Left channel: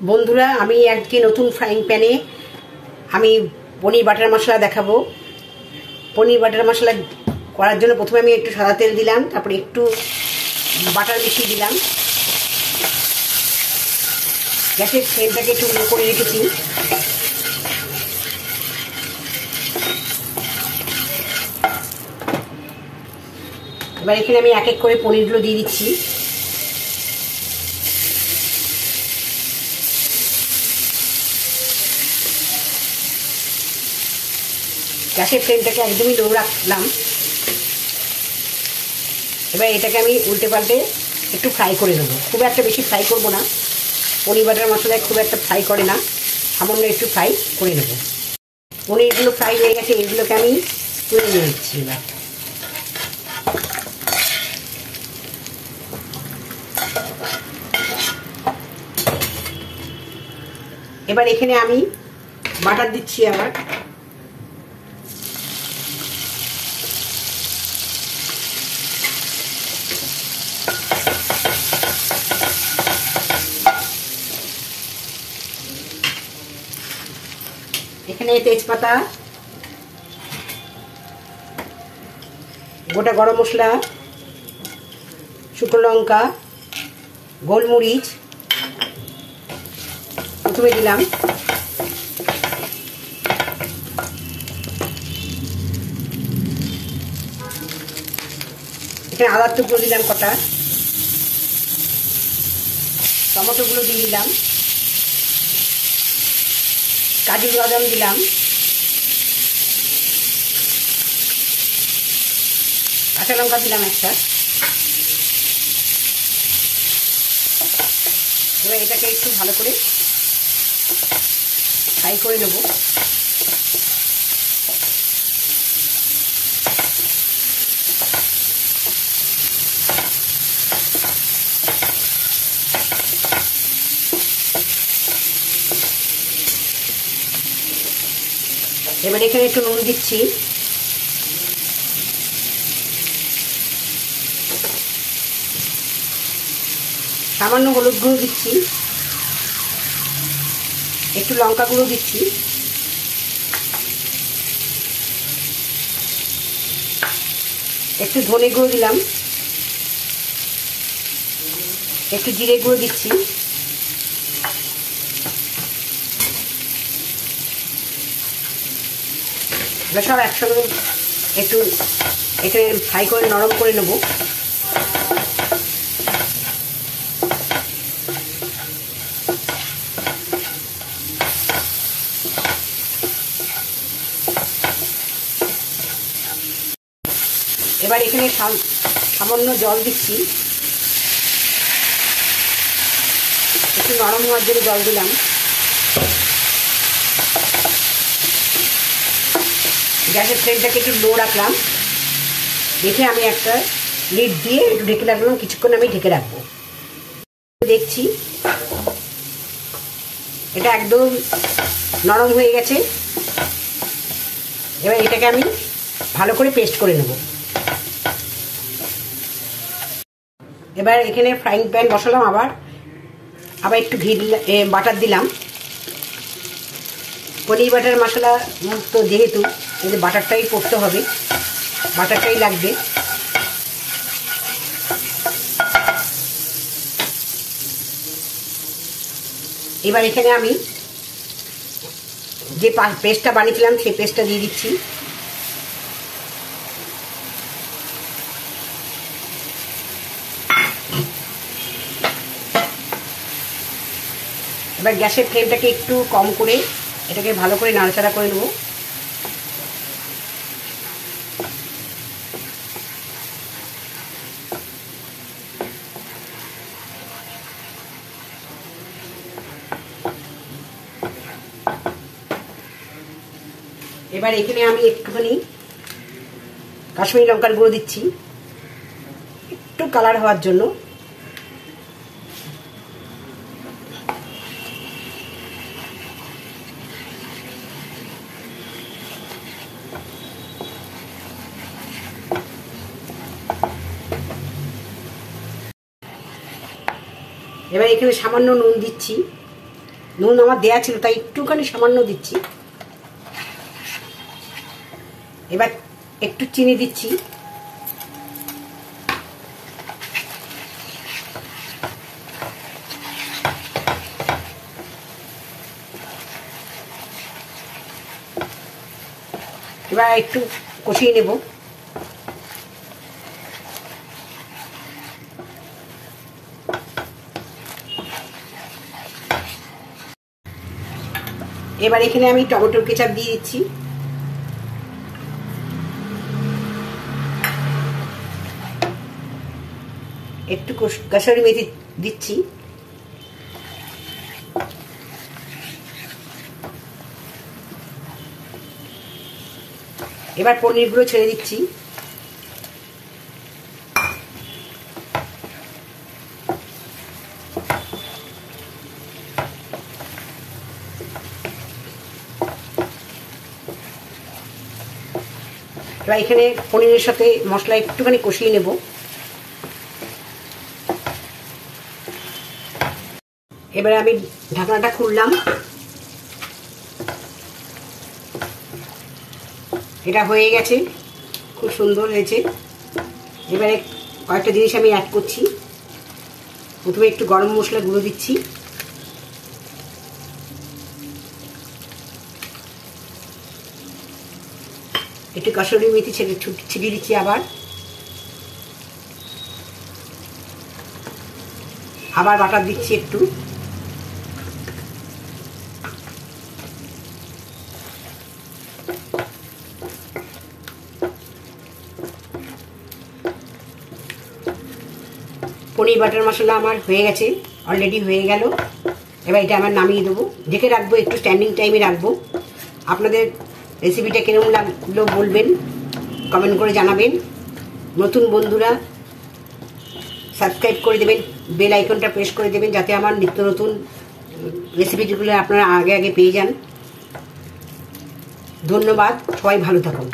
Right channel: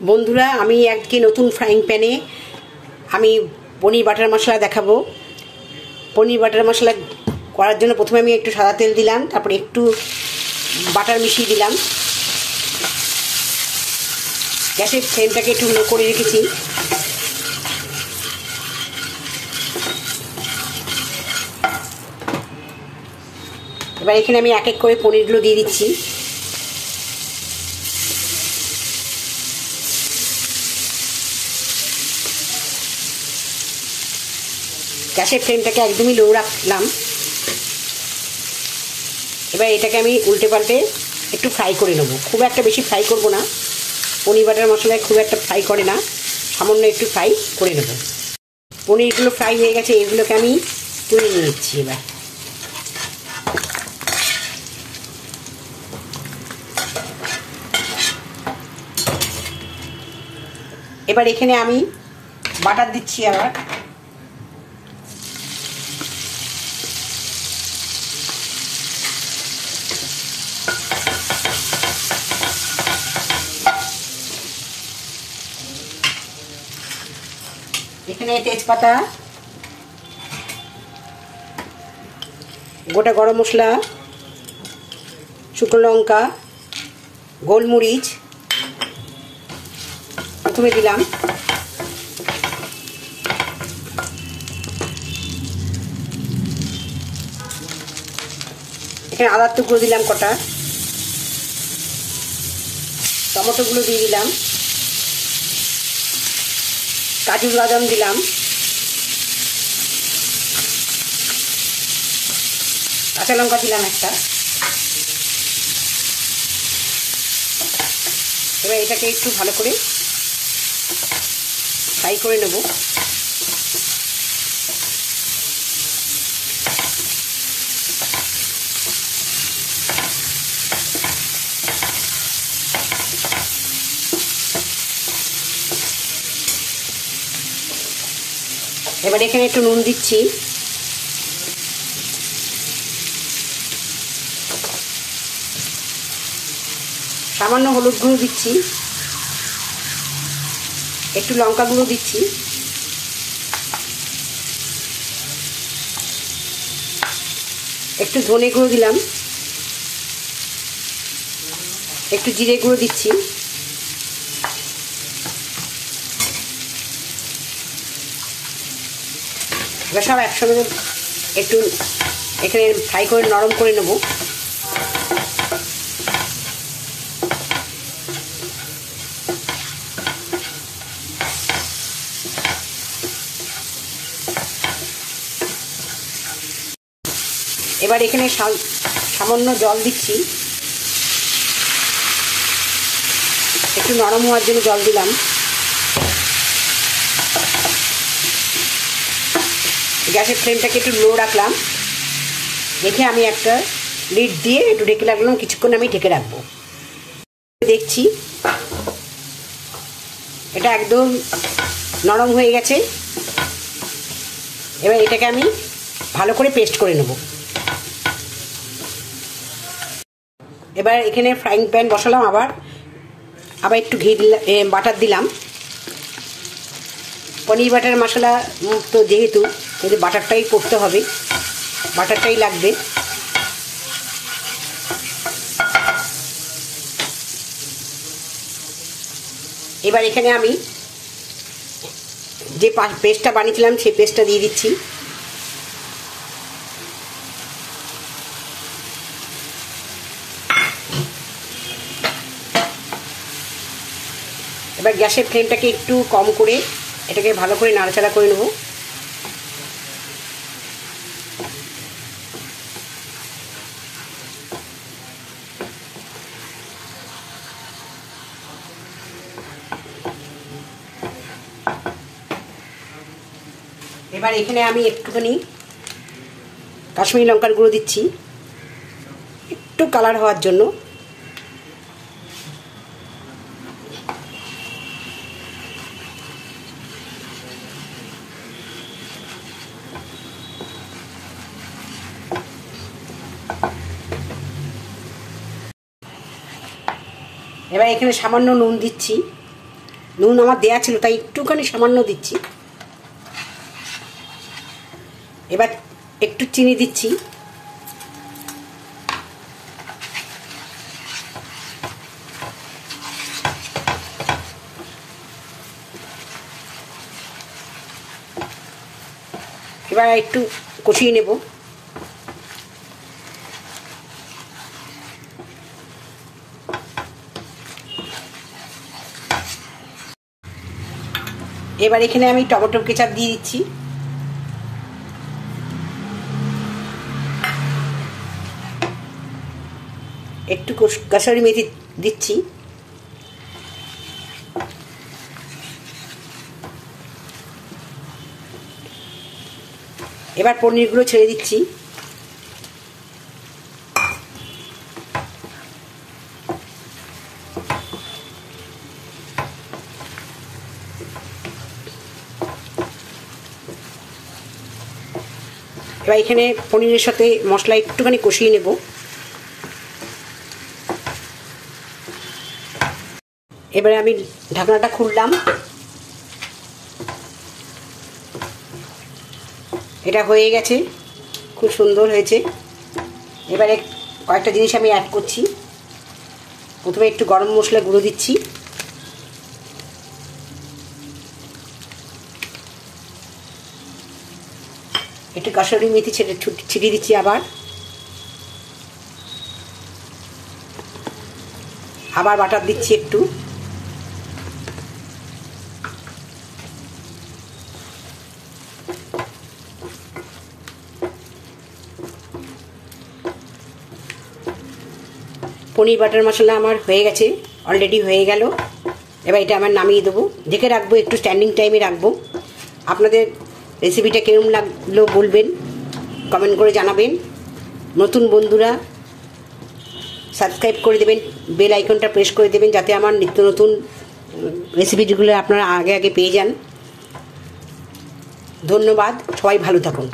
বন্ধুরা, আমি আজকে নতুন ফ্রাইং প্যানে আমি পনির বাটার মশলা দেখাবো। পনির বাটার মশলা করার জন্য প্রথমে আমি একটু সাদা তেল দিলাম, তারপরে একটু বাটার মিশিয়ে দিলাম। গ্যাসের ফ্লেমটাকে একটু লো করে রেখেছি। এবার এখানে আমি এক এক করে পনিরগুলো দিয়ে দিচ্ছি। গ্যাসের ফ্লেমটাকে একদমই লো রাখলাম। এবার এটাকে আমি উল্টে পাল্টে একটু ফ্রাই করে নেবো। খুব একটা বেশি ফ্রাই করবো না, পনির বাটার মশলায় খুব একটা ফ্রাই করে না, সামান্য একটু ফ্রাই করে নেব। পনিরগুলো ফ্রাই হয়ে গেছে, এইগুলোকে আমি তুলে নিচ্ছি। এবার এখানে আমি বাটার দিচ্ছি। আবার এখানে তেজপাতা, গোটা গরম মশলা, শুকনো লঙ্কা, গোলমরিচ প্রথমে দিলাম। এখানে আদার টুকরো দিলাম কটা, টমেটোগুলো দিয়ে দিলাম, কাজু বাদাম দিলাম, কাঁচা লঙ্কা দিলাম একটা। এবার এটাকে একটু ভালো করে ফ্রাই করে নেব। এবার এখানে একটু নুন দিচ্ছি, সামান্য হলুদ গুঁড়ো দিচ্ছি, একটু লঙ্কা গুঁড়ো দিচ্ছি, একটু ধনে গুঁড়ো দিলাম, একটু জিরে গুঁড়ো দিচ্ছি। এবার সব একসঙ্গে একটু এখানে ফ্রাই করে নরম করে নেব। এবার এখানে সামান্য জল দিচ্ছি, একটু নরম হওয়ার জন্য জল দিলাম। গ্যাসের ফ্লেমটাকে একটু লো রাখলাম, দেখে আমি একটা লিড দিয়ে একটু ঢেকে রাখলাম। কিছুক্ষণ আমি ঢেকে রাখবো। দেখছি এটা একদম নরম হয়ে গেছে। এবার এটাকে আমি ভালো করে পেস্ট করে নেব। এবার এখানে ফ্রাইং প্যান বসালাম, আবার একটু ঘি বাটার দিলাম। পনির বাটার মশলা তো যেহেতু এতে বাটারটাই করতে হবে, বাটারটাই লাগবে। এবার এখানে আমি যে পেস্টটা বানিয়েছিলাম সেই পেস্টটা দিয়ে দিচ্ছি। এবার গ্যাসের ফ্লেমটাকে একটু কম করে এটাকে ভালো করে নাড়াচাড়া করে নেব। এবার এখানে আমি একটুখানি কাশ্মীরি লঙ্কার গুঁড়ো দিচ্ছি, একটু কালার হওয়ার জন্য। এবার এখানে সামান্য নুন দিচ্ছি, নুন আমার দেয়া ছিল, তাই একটুখানি সামান্য দিচ্ছি। এবার একটু চিনি দিচ্ছি। এবার একটু কষিয়ে নেব। এবার এখানে আমি টমেটো কেচাপ দিয়ে দিচ্ছি। একটু কাসুরি মেথি দিচ্ছি। এবার পনিরগুলো ছেড়ে দিচ্ছি। এবার এখানে পনিরের সাথে মশলা একটুখানি কষিয়ে নেব। এবারে আমি ঢাকনাটা খুললাম। এটা হয়ে গেছে, খুব সুন্দর হয়েছে। এবারে কয়েকটা জিনিস আমি অ্যাড করছি। প্রথমে একটু গরম মশলা গুঁড়ো দিচ্ছি, একটু কাসুরি মেথি ছিটিয়ে দিচ্ছি। আবার বাটার দিচ্ছি একটু। পনির বাটার মশলা আমার হয়ে গেছে, অলরেডি হয়ে গেল। এবার এটা আমার নামিয়ে দেবো। দেখে রাখবো, একটু স্ট্যান্ডিং টাইমে রাখবো। আপনাদের রেসিপিটা কেমন লাগলো বলবেন, কমেন্ট করে জানাবেন। নতুন বন্ধুরা সাবস্ক্রাইব করে দেবেন, বেল আইকনটা প্রেস করে দেবেন, যাতে আমার নিত্য নতুন রেসিপিগুলো আপনারা আগে আগে পেয়ে যান। ধন্যবাদ, সবাই ভালো থাকুন।